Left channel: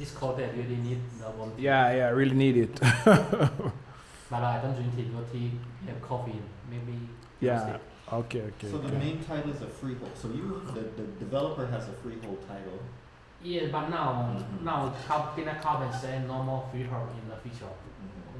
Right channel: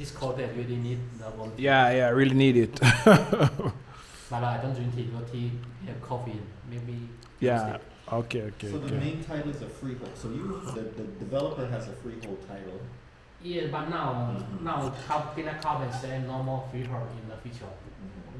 this cold they really need the warm tea. Yeah, really need it. But I don't drink tea. Your tea have coffee, maybe. Yeah. Okay. So the main title is a freehold. So the developer has a freehold title. Yeah, but now Pan-Africanism say no more freehold in the future.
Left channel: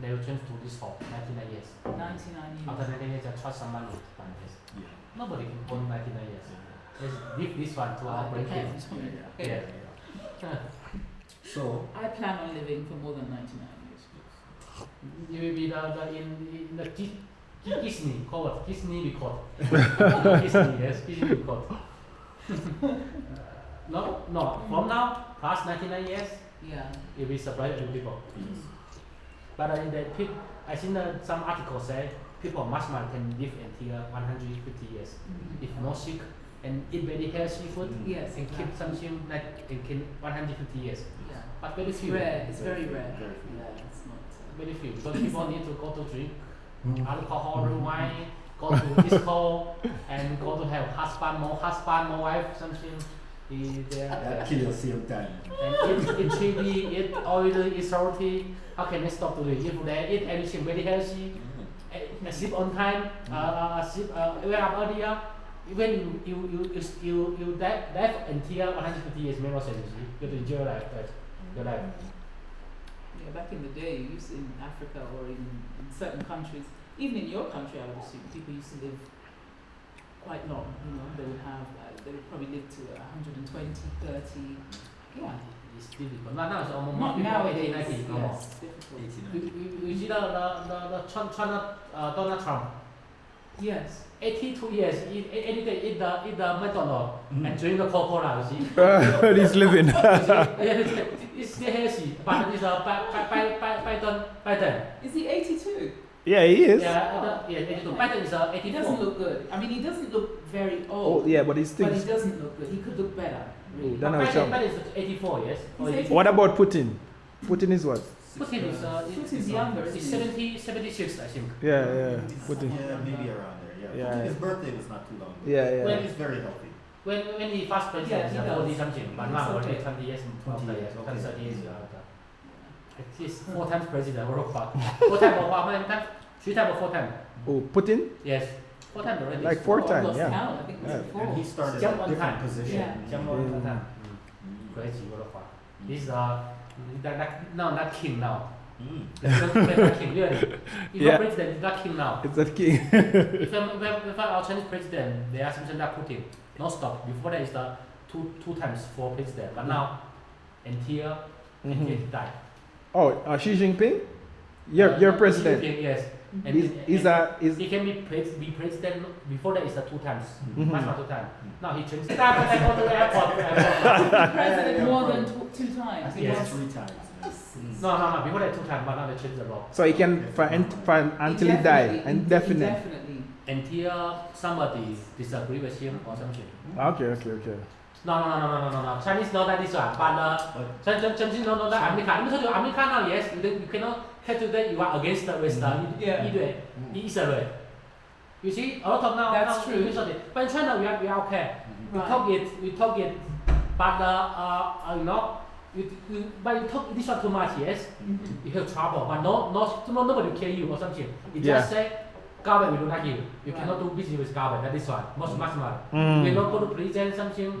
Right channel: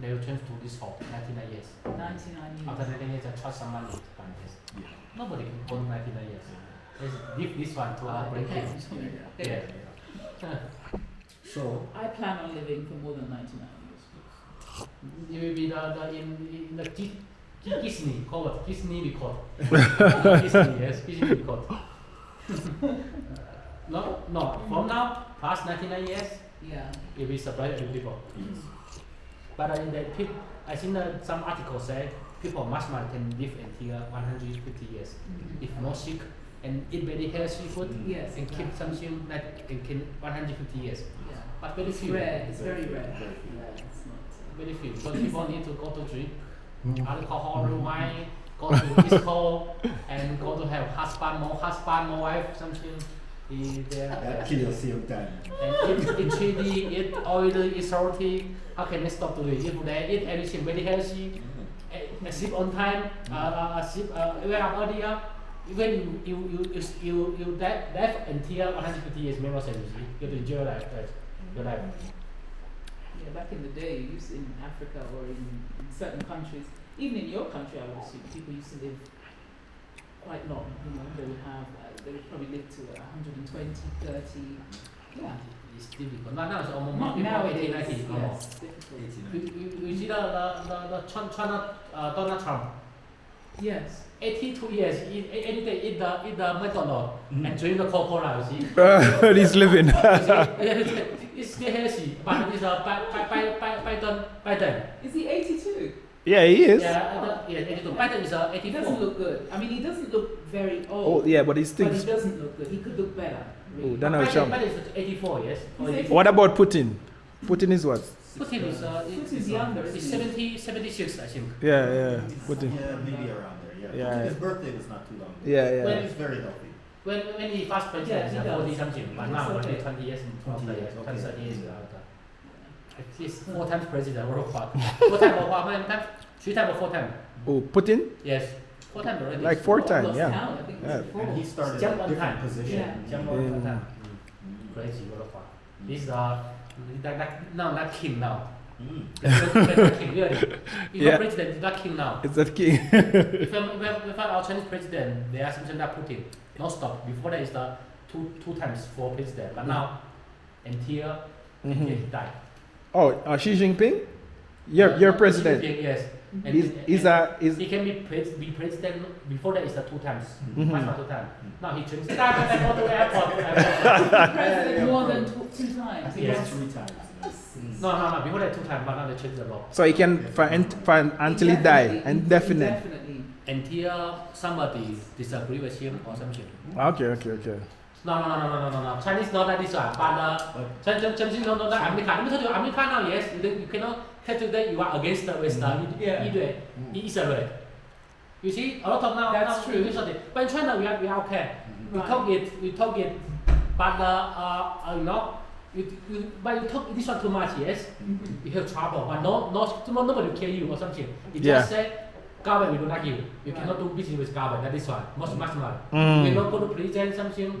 They will change to leasehold. 99 years. 99 years. After 99 years, I trust somebody to buy this. Yeah. Nobody can own 99 years. Let's give this one to our grandkids. Yeah. So I plan on living for more than 99 years. You will be in the Disney record. Disney, yes, Disney record. No. From now, past 99 years, Yeah. it will surprise new people. yes. But I think some articles say people much more can live until 150 years if not sick and eat very healthy food Yes, and keep something like it can 150 years. Yeah. But very It's few. rare. It's very rare. Very few. Yeah, it's not. Very few. So people need to go to drink alcohol, wine, go to disco, and go to have husband, more wife, something. That kill your same time. And eat chili, eat oily, eat salty. How can they stop doing it? If they eat everything very healthy, sleep on time, sleep wake up earlier. When you die until 150 years, make no sense. You see, you enjoy your life. Your life. Yeah, back in the day, you used in Africa or in certain countries, even in your country, I would assume people used to live quite long. You know, they would probably live to 120, 30. Yeah. It's difficult. Now it's almost Not nowadays. 80, 90. Yes, difficult. 89. You see the China Donald Trump. Yes. 82 years, any day eat the McDonald's and drink the Coca-Cola, you see. He's living. It's still healthy, but it's Biden. Is he 82? Yeah, he is. Yeah, 82. Biden is He 84. doesn't look good. I mean, he doesn't look very old. Oh, yeah, but he's still. But he doesn't look good. He could look better. Really. Don't know Trump. Biden is 84, yes. He's Or 84. What about Putin? Putin is what? Putin is Putin's younger, It's isn't he? 76, I think. Yeah. Putin. Yeah, maybe around there. Yeah. His birthday was not too long ago. Yeah. When He's very healthy. When he first president, Yeah, he he does. 40 something, but now It's already okay. 20 years, 20 20 years, years, okay. 30 years after. He's 4 times president, what the fuck? 4 times or how many times? 3 times or 4 times? Oh, Putin? Yes, 4 times already. Like 4 times, Lost yeah. count, I think it was Yeah. four. And he started Jump at a on different time. position. Yeah. Jump on 4 times. Crazy, what the fuck? He's not king now. He's not king, really. He's Yeah. not president, he's not king now. It's that king. If our Chinese president, they are something like Putin, no stop. Before that is the two times for president, but now until he died. Oh, Xi Jinping? Your president. Xi Jinping, yes. And he can be president. Before that is the 2 times, much more 2 times. Now he changed. I go to the airport. President more than two I times. think Yes. it's 3 times. No. Before that 2 times, but now they changed the law. So he can find until he die, indefinite. Indefinitely. Until somebody disagree with him or something. Okay. No. Chinese not like this one, but Chinese not like America. Let me tell you, America now, yes, you cannot tell today you are against the West, Israel. You see, a lot of now. That's now, true. usually. But in China, we are okay. We Right. talk it, but but you talk this one too much, yes, you have trouble. But nobody will kill you or something. You Yeah. just say, Garvey, we don't like you. You Right. cannot do business with Garvey. That is one. Much more. Mm. You cannot go to prison something.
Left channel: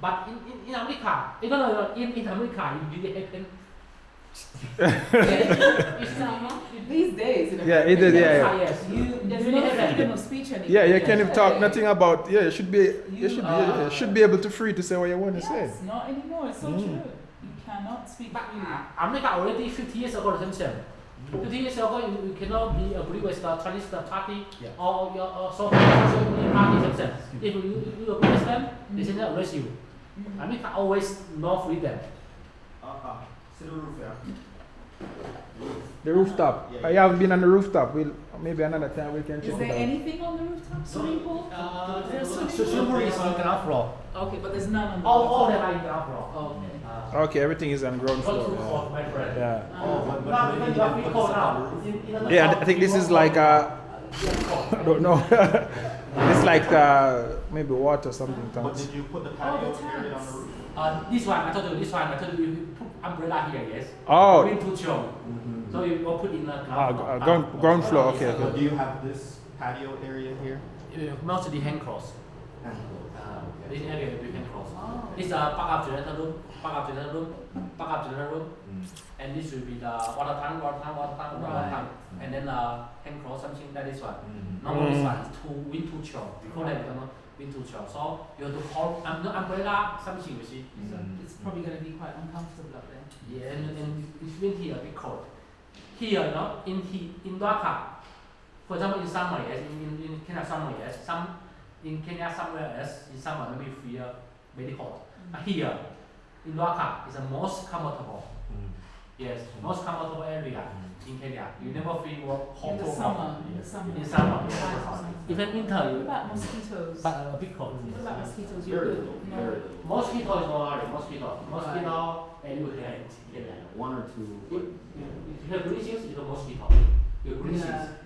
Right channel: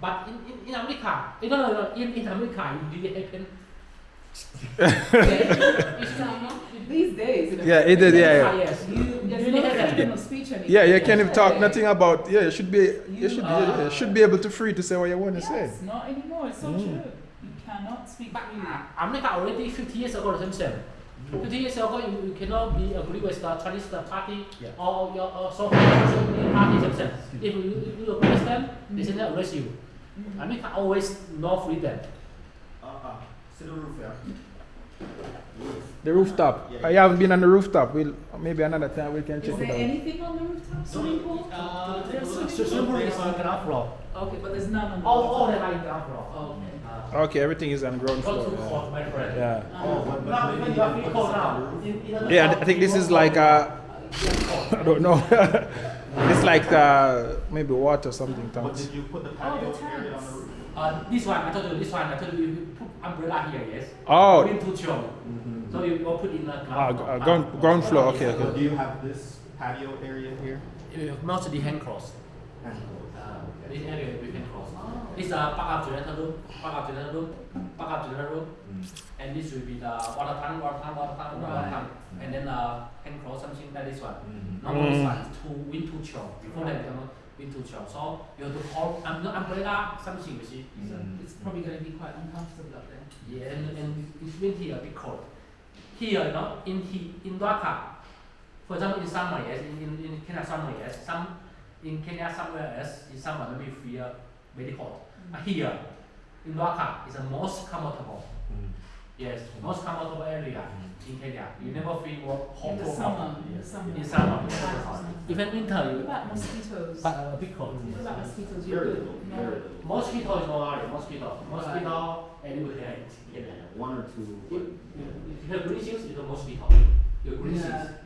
But in America, in America, it really happen. These days, in Yeah, it did, yeah. Yes. there's no freedom of speech anymore. Yeah, you can't even talk nothing about. Yeah, you should be able to free to say what you want to say. Yes, not anymore. It's so true. You cannot speak freely. America already 50 years ago the same. 50 years ago, you cannot be agree with the Chinese party or your social party themselves. If you agree with them, they say they arrest you. America always no freedom. See the roof there. The rooftop. I haven't been on the rooftop. Maybe another time we can check Is there it out. anything on the rooftop? Swimming pool? There's Swimming pool is on the ground floor. Okay, but there's none on the All them are in the ground floor. Oh, okay. Okay, everything is on ground floor. My friend. Yeah. But maybe you didn't put this on the roof. Yeah, I think this is like I don't know. It's like maybe water or something. But Tanks. did you put the patio area on the roof? This one, I told you, you put umbrella here, yes? Oh. Wind to chill. So you will put in the ground floor, okay, So okay. do you have this patio area here? Mostly hand close. And closed. This area will be hand close. This is a backup generator room, and this will be the water tank, and then hand close something like this one. Normally this one is to wind to chill. Before that, wind to chill. So you have to hold umbrella something, you see. It's probably going to be quite uncomfortable up there. Yeah, and it's wind here a bit cold. Here, in Dhaka, for example, in summer, yes, in Kenya summer, yes, in Kenya somewhere else, in summer maybe feel very hot. Here, in Dhaka, is the most comfortable. Yes, most comfortable area in Kenya. You never feel hot In the or summer, hot. in the summer. In summer, yes. Even winter, What you about mosquitoes? but a bit cold. What about mosquitoes? Very You're little, good? No. very little. Mosquito is no worry, mosquito, and you hate. Yeah, one or two. You have green things, you have mosquito. You have green Yeah. things.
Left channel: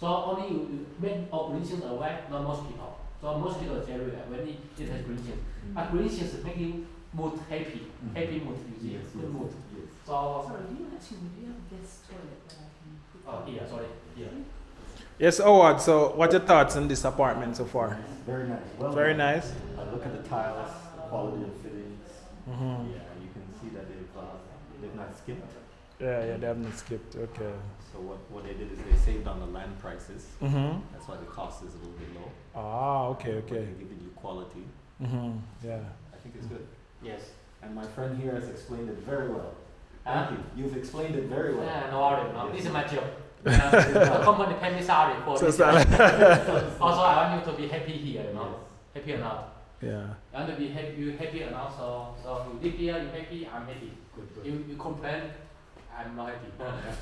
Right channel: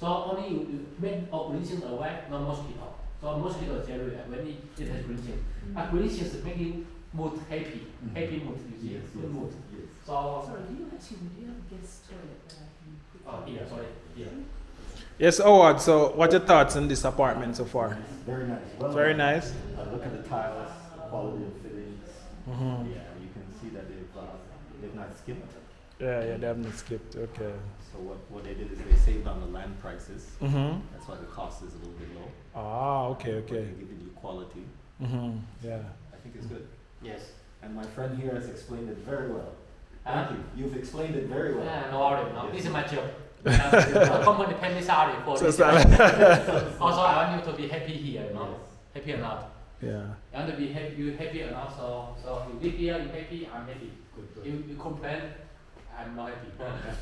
So only you make all green things away, no mosquito. So mosquito is everywhere when it has green things. But green things make you mood happy, happy mood, you see, Yes, good yes, mood. yes. So, Sorry, do you have a guest toilet that I can put? here, sorry, here. Yes, Howard, so what your thoughts on this apartment so far? Very nice. Well Very done. nice. Look at the tiles, quality of fittings. Mhm. Yeah, you can see that they've not skipped. Yeah, they haven't skipped, okay. So what they did is they saved on the land prices. Mm-hmm. That's why the cost is a little bit low. Ah, okay, But okay. they're giving you quality. Mm-hmm. Yeah. I think it's good. Yes. And my friend here has explained it very well. Huh? Thank you. You've explained it very well. No worry, no. Yes. This is my job. The company pay me salary for So this. it's Also, I want you to be happy here, you know. Happy enough. Yeah. You want to be happy, you happy enough, so you live here, you happy, I'm happy. You complain, I'm not happy.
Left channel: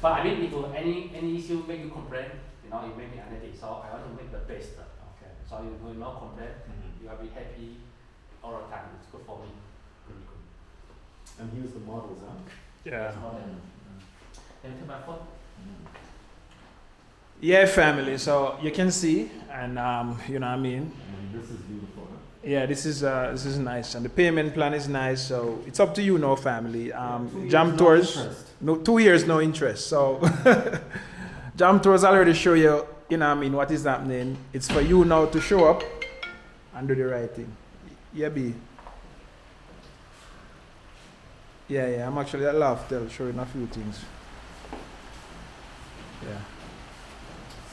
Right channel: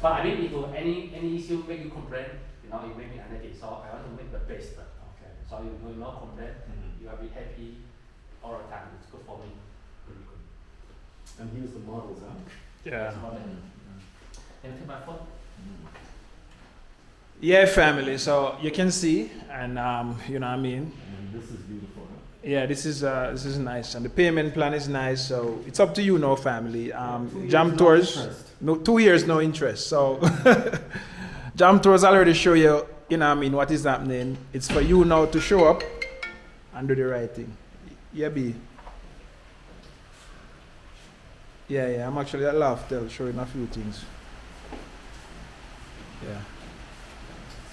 But I mean, if any issue make you complain, you make me unhappy. So I want to make the best. Okay. So you will not complain, Mhm. you will be happy all the time. It's good for me. Very good. And here's the models, huh? Yeah. Can you take my phone? Yeah, family. So you can see, and you know what I mean. And this is beautiful. Huh? Yeah, this is nice, and the payment plan is nice. So it's up to you, now, family. 2 years, Jam no Tours, interest. no 2 years, no interest. So Jam Tours already show you, you know what I mean, what is happening. It's for you now to show up and do the right thing. Yeah, B. Yeah. I'm actually at Loftel showing a few things. Yeah.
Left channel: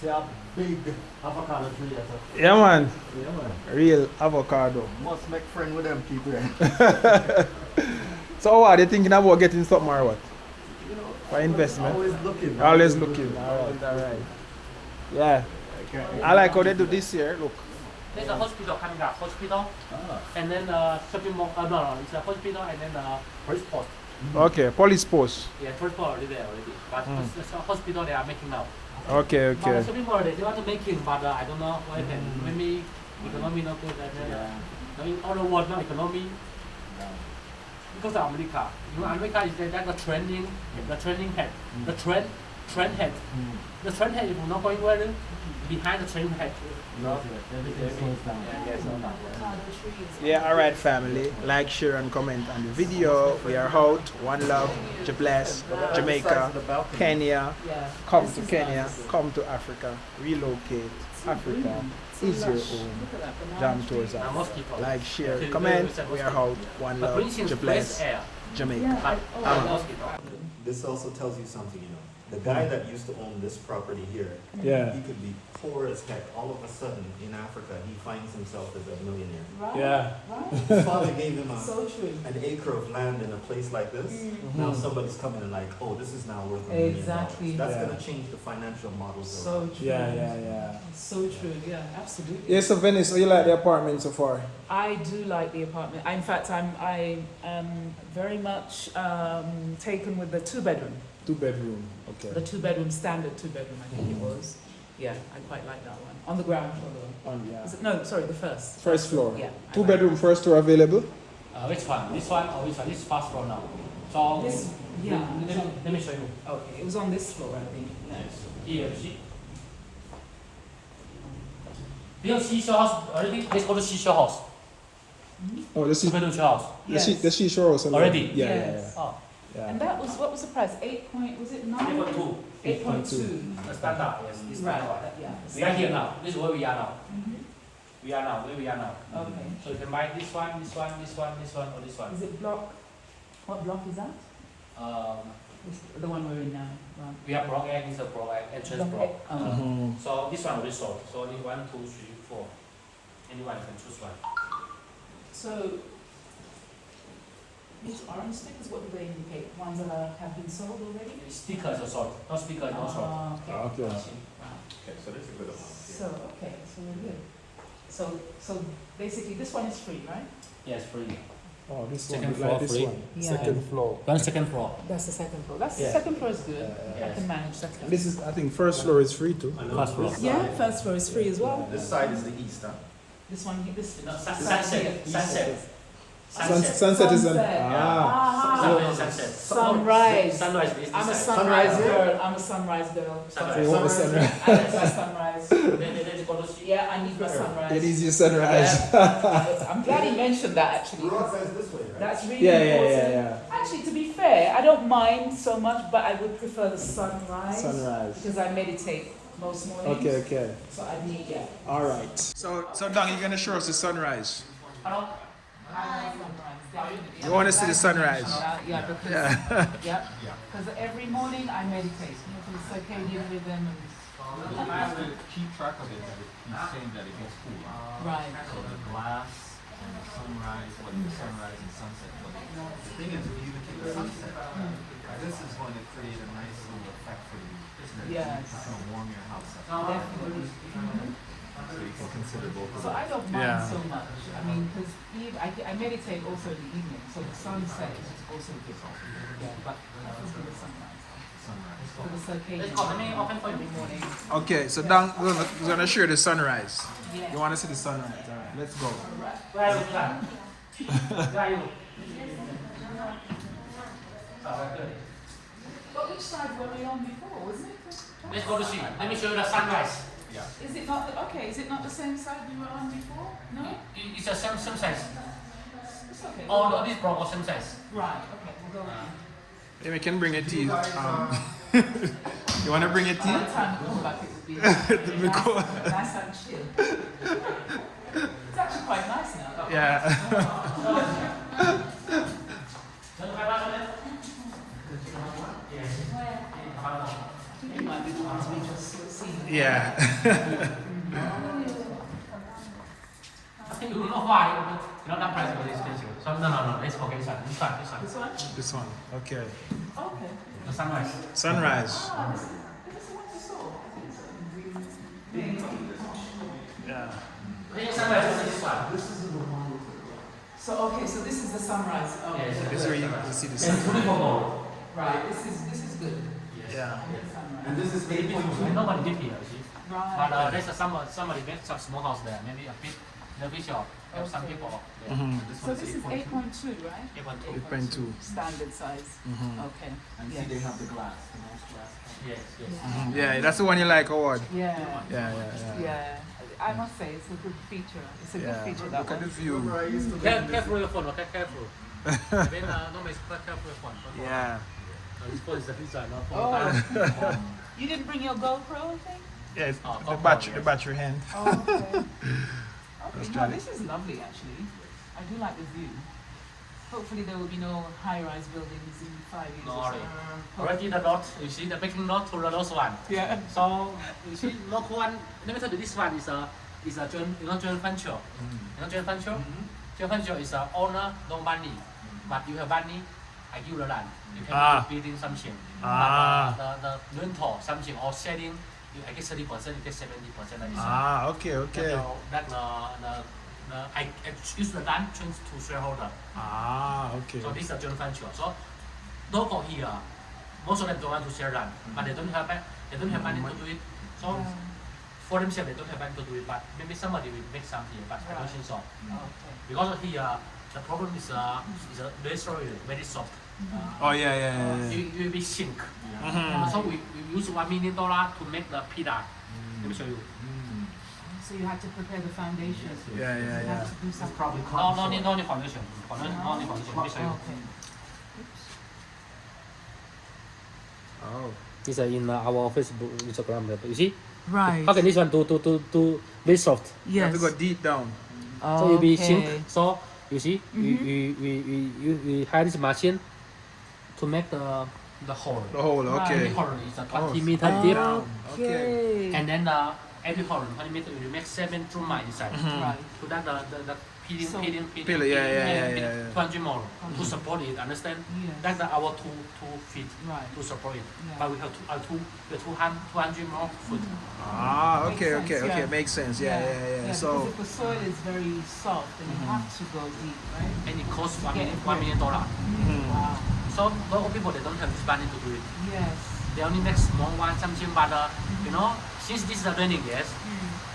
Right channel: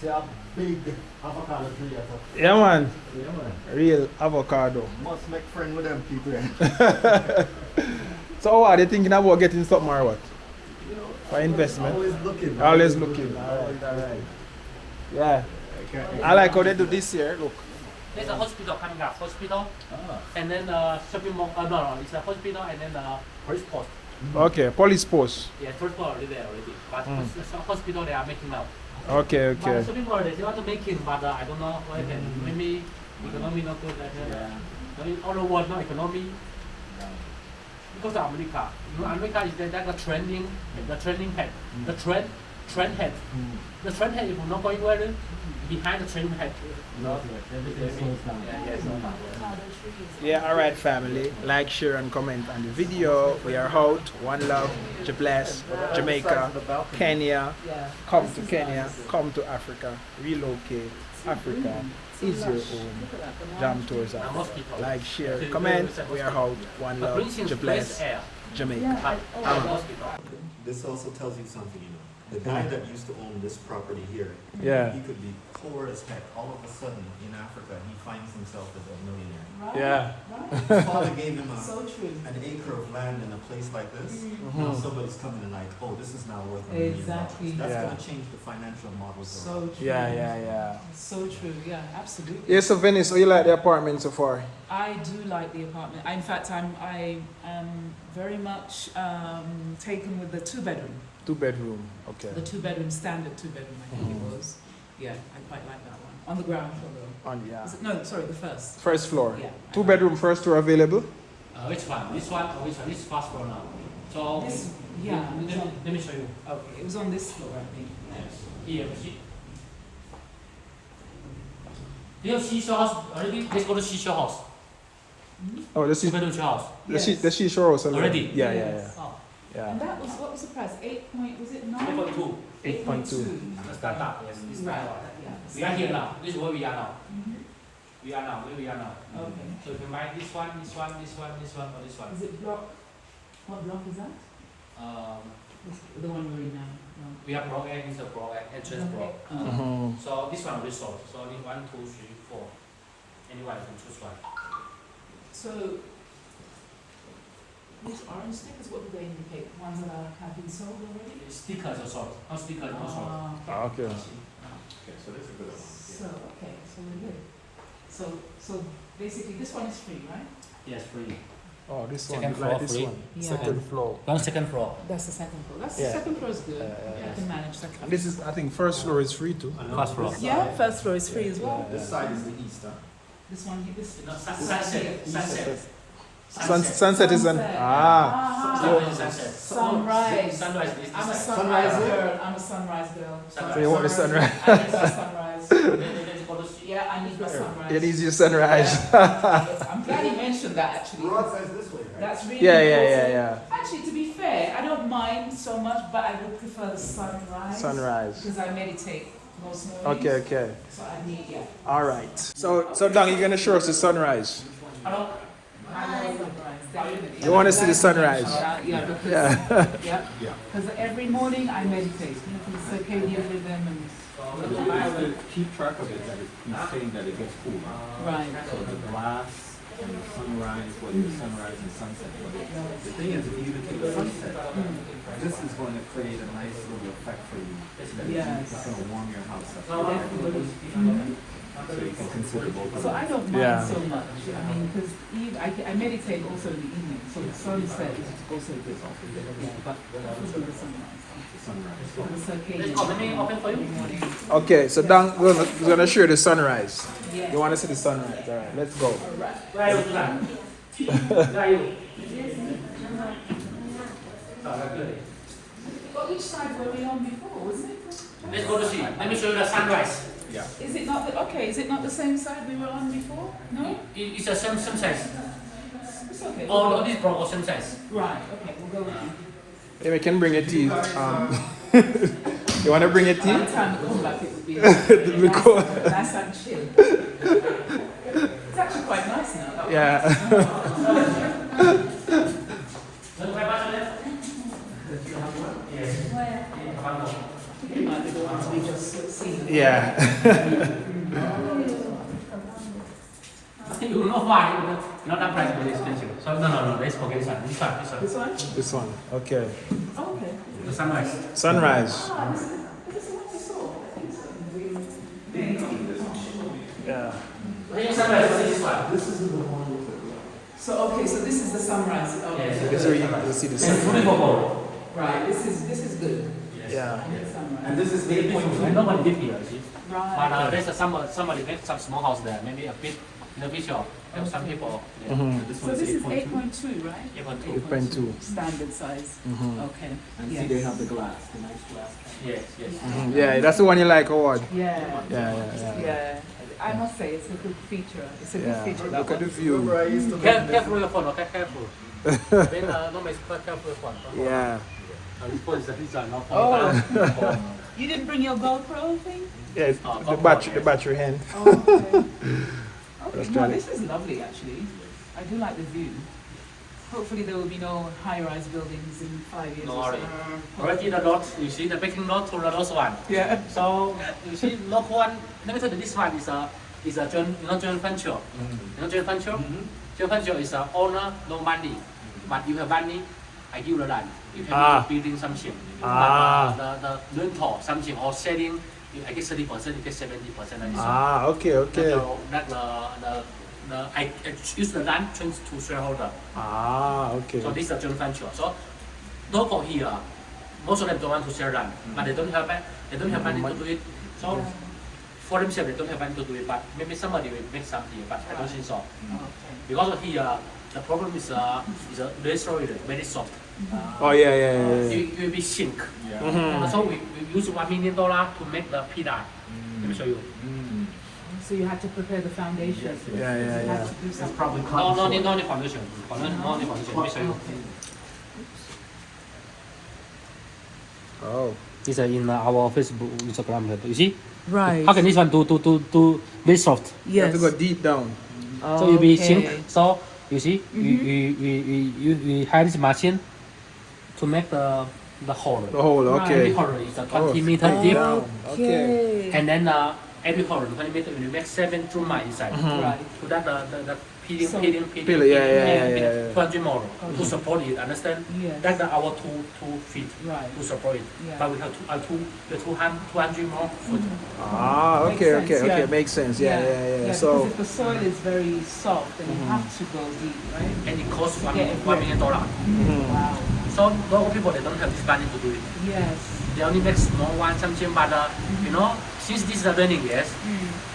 See how big avocado tree is. Yeah, man. Yeah, man. Real avocado. Must make friend with them people. So what, are they thinking about getting something or what? You know, For investment? Always looking. Always looking. Alright. Yeah. I like how they do this here. Look. There's a hospital coming up, and then shopping mall, no, it's a hospital and then police post. Okay, police post. Yeah, police post already there already. But Mm. it's a hospital they are making now. Okay, But okay. shopping mall they want to make it, but I don't know what happened. Maybe economy not good like that. Maybe all the world not economy. Because of America. You know, America is that the trending head. The trend head. The trend head is not going well. Behind the trend head. You know? Everything slows down. Yeah, slows down. Yeah, alright, family. Like, share, and comment on the video. We are out. One love. Bless. Jamaica. Kenya. Come to Kenya. Come to Africa. Relocate. Africa is your home. Jam Tours are. Like, share, comment. We are out. One But love. Greensill is Bless. fresh air. Jamaica. But I'm out. mosquito. This also tells you something, you know. The guy that used to own this property here, Yeah. he could be poor as heck. All of a sudden, in Africa, he finds himself as a millionaire. Yeah. His father gave him So true. an acre of land in a place like this. Mm-hmm. Now somebody's coming and like, oh, this is now worth $1 million. Exactly. That's Yeah. going to change the financial models. of- So true. Yeah. So true. Yeah, absolutely. Yeah, so Venice, how you like the apartment so far? I do like the apartment. In fact, I am very much taken with the 2-bedroom. 2-bedroom. Okay. The 2-bedroom, standard 2-bedroom, I think it was. Yeah, I quite like that one. On the ground floor, though. Yeah. Is it, no, sorry, the first. First floor. Yeah. 2-bedroom first floor available? Which one? This one or which one? This is first floor now. So This, yeah. let me show you. Okay, it was on this floor, I think. Here, you see. Do you have seashell house already? Let's go to seashell house. Oh, the Compared to yours. the seashore also. Already? Yeah, Yes. Oh, yeah. And that was, what was the price? 8 point, was it 9? 8.2. 8.2. The standard, yes. It's Right, standard. yeah. We are here now. This is where we are now. Mhm. We are now. Where we are now. Okay. So you can buy this one, this one, this one, this one, or this one. Is it block? What block is that? It's the one we're in now. Right. We have block N, is a block N, entrance block. Block A. Oh. Mhm. So this one already sold. So only 1, 2, 3, 4. Anyone you can choose one. So, these orange stickers, what do they indicate? Ones that have been sold already? Stickers are sold. No sticker, no sold. Ah, okay. Okay. Okay, so this is a good one. So, okay, so we're good. So basically this one is free, right? Yes, free. Oh, this Second one. floor Like this free. one. Yeah. Second floor. One second floor. That's the second floor. That's Yeah. the second floor is good. Yeah, I can manage second. And this is, I think, first floor is free too. First floor. Yeah, first floor is free as well. This side is the east, huh? This one, this No, side sunset. here. Sunset. Sunset is an Sunset. Sunset. Sunrise. Sunrise is I'm a this side. sunrise girl. I'm a sunrise girl. Sunrise. So you want the sunrise? I need my sunrise. Let's go to see. Yeah, I need my sunrise. It is your sunrise. Yeah. I'm glad he mentioned that actually. Road says this way, right? That's really Yeah, important. yeah. Actually, to be fair, I don't mind so much, but I would prefer the sunrise. Sunrise. Because I meditate most mornings. Okay. So I need, yeah. All right. So Dang, you're gonna show us the sunrise. Hello. You want to see the sunrise? Yeah, because, Yeah. yeah. Because every morning I meditate. You know, for the circadian rhythm and. Keep track of it, that he's saying that it gets cool. Right. So the glass and the sunrise, whether it's sunrise and sunset. The thing is, if you take the sunset, this is going to create a nice little effect for you. That Yes. it's going to warm your house up. Mhm. So you can consider both of So them. I don't mind Yeah. so much. I mean, because I meditate also in the evening, so the sunset is also good. Yeah, but this is the sunrise. The sunrise. For the circadian. Let me open for you. Okay, so Dang, we're gonna show you the sunrise. Yeah. You want to see the sunrise? All right, let's go. All right. Where are you? Where are you? But which side were we on before, wasn't it? Let's go to see. Let me show you the sunrise. Yeah. Is it not is it not the same side we were on before? No? It's the same size. It's okay. All this block are same size. Right, okay, we'll go with you. Yeah, we can bring your tea. You want to bring your By tea? the time we come back, it will be It'll be cool. nice and chill. It's actually quite nice now. Yeah. You might be the ones we just seen. Yeah. You know why? You know that price for this station. So no. Let's forget this one. This one. This one? This one. Okay. Okay. The sunrise. Sunrise. Ah, this is the one we saw. Yeah. This one. So okay, so this is the sunrise. Okay. Yes. This is where you can see the It's sun. beautiful. Right. This is good. Yeah. Sunrise. And this is 8.2. Nobody live here, you see. Right. But there's somebody make some small house there, maybe a bit in the future. Have some people. Mm-hmm. This So one's this is 8.2. 8.2, right? 8.2. Standard size. Mm-hmm. Okay. And Yes. see, they have the glass, the nice glass. Yes. Mm-hmm. Yeah, that's the one you like, or what? Yeah. Yeah. Yeah. I must say it's a good feature. It's a good Yeah. feature. That Look at the one. view. Careful with your phone, okay? Careful. Then no, it's quite careful with your phone. Yeah. This phone is the pizza, not Oh. You didn't bring your GoPro thing? Yeah, it's Oh, the battery hand. Oh, okay. That's Okay, no, good. this is lovely actually. I do like the view. Hopefully there will be no high-rise buildings in 5 years. No or worry. so. Already the lot, you see the big lot to the last one. Yeah. So you see lot one, let me tell you this one is a joint venture. You know joint venture? Joint venture is a owner, no money. But you have money, I give the land. You can building something. But the rental something or selling, I get 30%, you get 70%. Okay. I use the land to shareholder. Okay. So this is a joint venture. So local here, most of them don't want to sell land, but they don't have money to do it. So for themselves, they don't have money to do it. But maybe somebody will make something, but I don't think so. Because here the problem is very sorry, very soft. Yeah. It will be sink. Mhm. So we use $1 million to make the pillar. Let me show you. So you had to prepare the foundation. Yes, yes. Yeah, You yeah, had yeah. to do It's something. probably No, cotton no need, soil. no need foundation. No need foundation. Let me show you. Oh. It's in our Facebook, Instagram. You see? Right. How can this one do very soft? You have to go deep down. So you be sink. So you see, we hide this machine to make the hole. The hole, Every okay. hole is a 20 Oh. meter deep, Okay. and then every hole 20 meter we make 7 tumor inside. Right. So that the peeling, So- peeling, Yeah. 200 more to support it. Understand? Yes. That's our two feet Right. to support it. Yeah. But we have 200 more foot. Ah, Makes okay, sense, okay, yeah. okay. Makes sense. Yeah, yeah, yeah. Because So, if the soil is very soft, then you have to go deep, right? And it costs To get it $1 million. Wow. So local people they don't have this money to do it. Yes. They only make small one, something. But you know, since this is a learning, yes,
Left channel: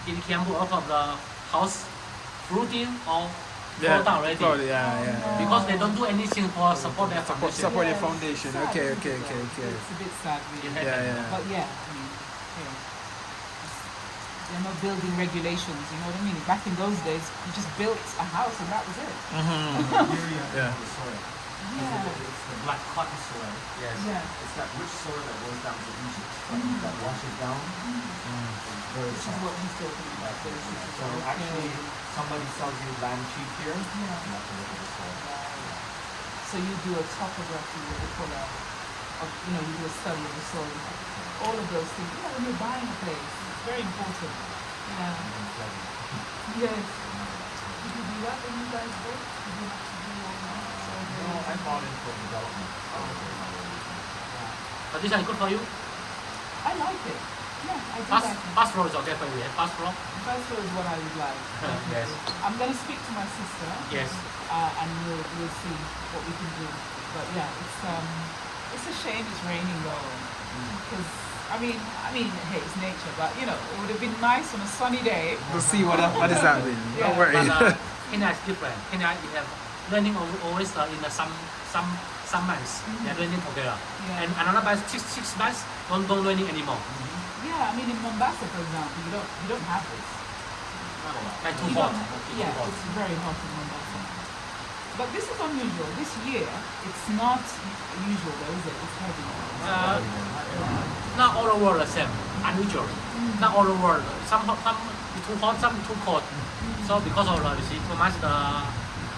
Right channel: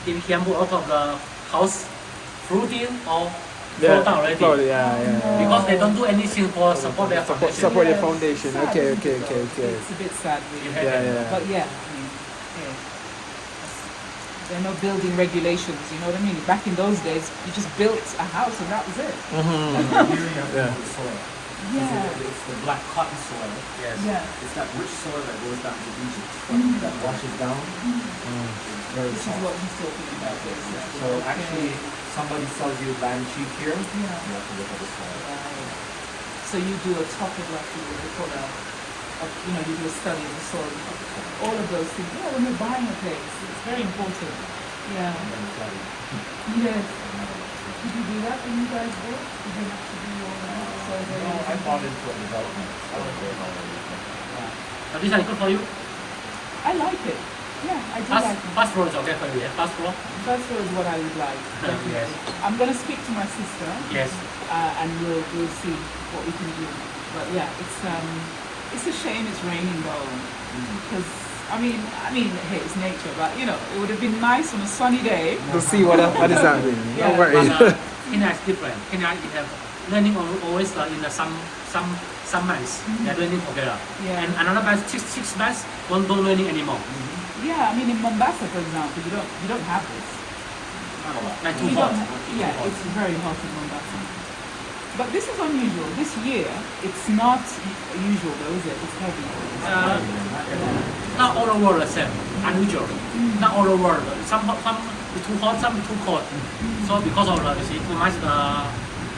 if you can move out of the house, fruiting or yeah, float down already. float, yeah. Because they don't do anything for support their foundation. Support your Yes. foundation. Sad, Okay, isn't okay, it, okay, though? okay. It's a bit sad, really. Yeah, yeah. But yeah, I mean, yeah. There are no building regulations, you know what I mean? Back in those days, you just built a house and that was it. Yeah. The soil. Yeah. It's the black cotton soil. Yes. Yeah. It's that rich soil that goes down to Egypt. That washes down. It's very This is soft. what he's talking about. Yes, yes. So actually, somebody sells you land cheap here. Yeah. You have to look at the soil. So you do a topography, what they call you know, you do a study of the soil, all of those things. Yeah, when you're buying a place, it's very important. Yeah. And then flooding. Yes. Did you do that when you guys bought? Did you have to do all of that? So No, I bought into a development. But this is good for you. I like it. Yeah, I do like it. First floor is okay for you. First floor. First floor is what I would like. Definitely. Yes. I'm gonna speak to my sister, Yes. and we'll see what we can do. But yeah, it's a shame it's raining though, because I mean, hey, it's nature, but you know, it would have been nice on a sunny day. To see what is happening. Yeah. Don't worry. But Kenya is different. Kenya you have learning always in the some months. They're learning together. Yeah. And another month, six months, don't learning anymore. Yeah, I mean in Mombasa, for example, you don't have this. Like too You hot. don't, yeah, it's very hot in Mombasa. But this is unusual. This year, it's not usual though, is it? It's heavy. Not all the world the same. Unusual. Not all the world. Some is too hot, some is too cold. So because of you see too much the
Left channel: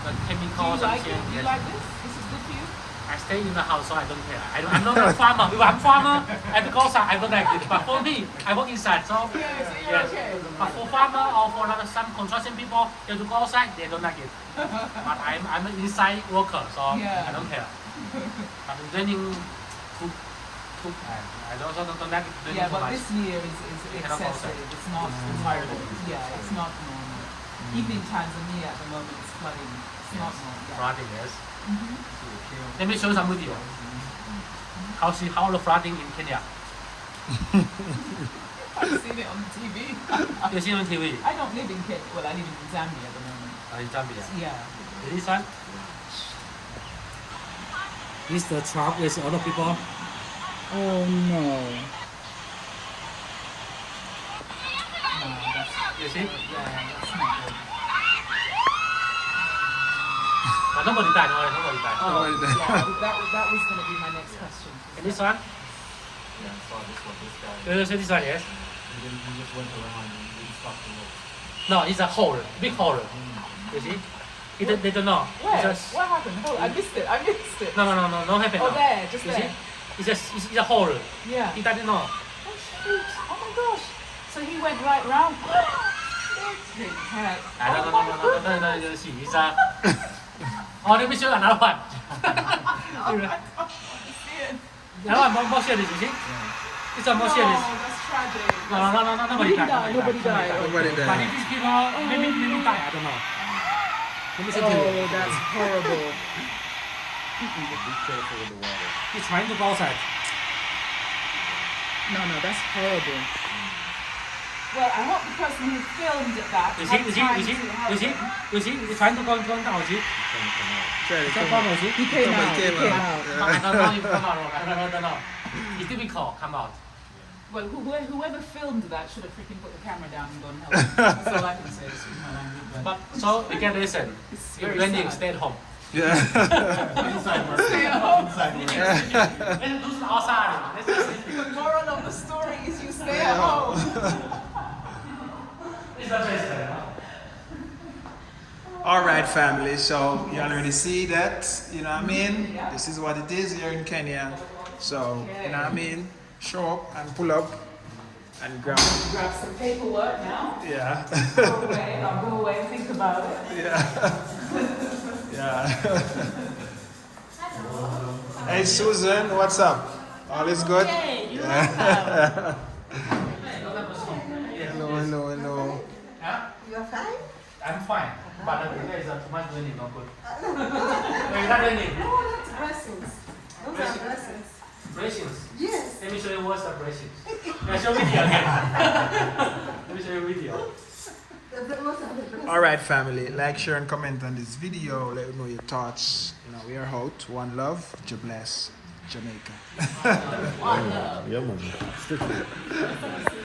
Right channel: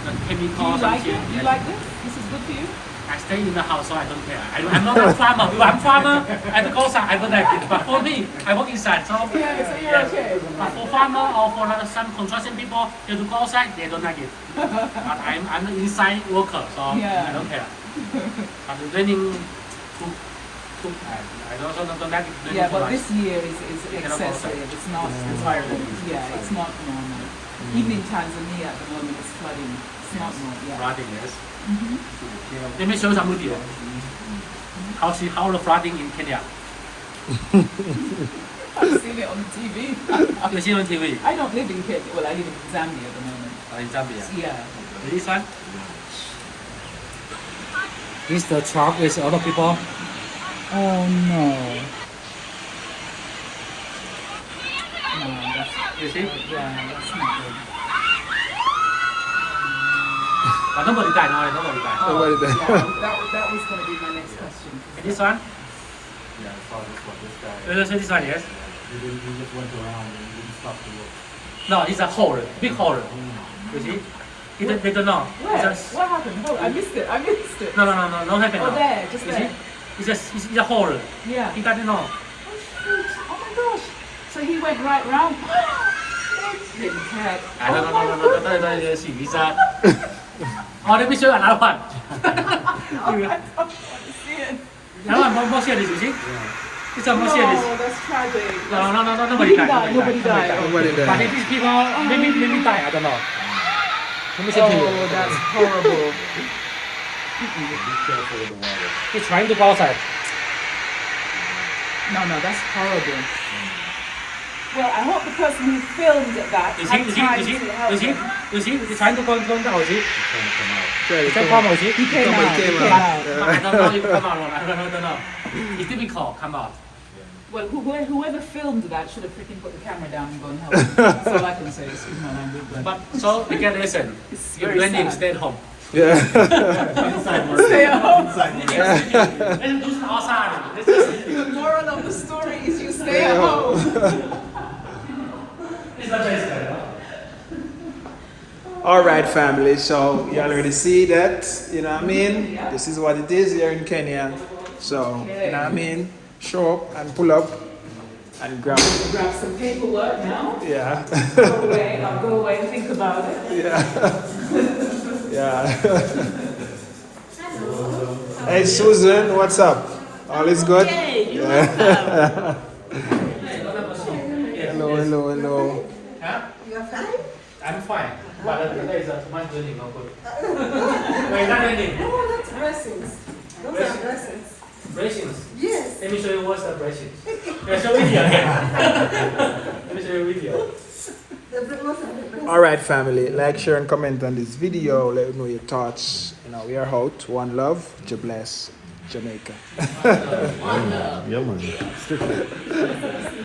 Do chemicals. you like it? and Do you yes. like this? This is good for you? I stay in the house, so I don't care. I'm not a farmer. If I'm farmer, I go outside. I don't like it. But for me, I work inside. So Yeah, so you're okay. But for farmer or for some construction people, they have to go outside. They don't like it. But I'm an inside worker, so Yeah. I don't care. But learning I also don't like it. Yeah, but too this much. year is cannot go excessive. outside. It's not. Yeah, it's not normal. Even in Tanzania at the moment, it's flooding. It's not normal. Yeah. Flooding, yes. Let me show you some video. How the flooding in Kenya. I've seen it on TV. You see on TV. I don't live in Kenya. Well, I live in Zambia at the moment. In Zambia. Yeah. This one. This the truck with other people. Oh no. No, that's You see? yeah, that's not good. But nobody died. No, nobody died. Nobody there. That was going to be my next question. And this one. Yeah, I saw this one. This guy. You see this one, yes. He just went around and he didn't stop to look. No, it's a hole, big hole. You see? They don't know. Where? It's just, What happened? Oh, I missed it. no, don't happen. Oh, now. there, just You there. see? It's a hole. Yeah. He doesn't know. Oh, shoot. Oh my gosh. So he went right round. Didn't care. No, see. It's a. Oh, let me show you another one. Another one, more serious, you see? It's a more serious. No, that's tragic. No, nobody died. Nobody died. Nobody there. But these people, maybe die, I don't know. Let me say to you. Oh, that's horrible. Be careful with the water. He's trying to go outside. No, that's horrible. Well, I hope the person who filmed that You had time see? to help him. He's trying to go down, you see? Sure, It's a problem, you see? He Somebody came came out. out. I don't know if come out or not. I don't know. It's difficult, come out. Well, whoever filmed that should have freaking put the camera down and gone help. That's all I can say. Excuse my language. But so you can listen. It's You're very blending, sad. stay at home. Yeah. Inside, Stay at home. Let's do some outside. Let's just The moral of the story is you stay at home. It's not very sad, huh? All right, family. So you already see that. You know what I mean? This is what it is here in Kenya. So you know what I mean? Show up and pull up and grab. Grab some paperwork now. Yeah. I'll go away and think about it. Yeah. Yeah. Hey Susan, what's up? All is good? Hey, you're Yeah. welcome. Hello, hello, hello. Huh? You're fine? I'm fine. But there is a much learning of good. Wait, not learning. No, that's blessings. Those are blessings. Braces. Yes. Let me show you what's the braces. Yeah, show video again. Let me show you video. All right, family. Like, share, and comment on this video. Let me know your thoughts. You know, we are out. One love. God bless. Jamaica. Yeah, man.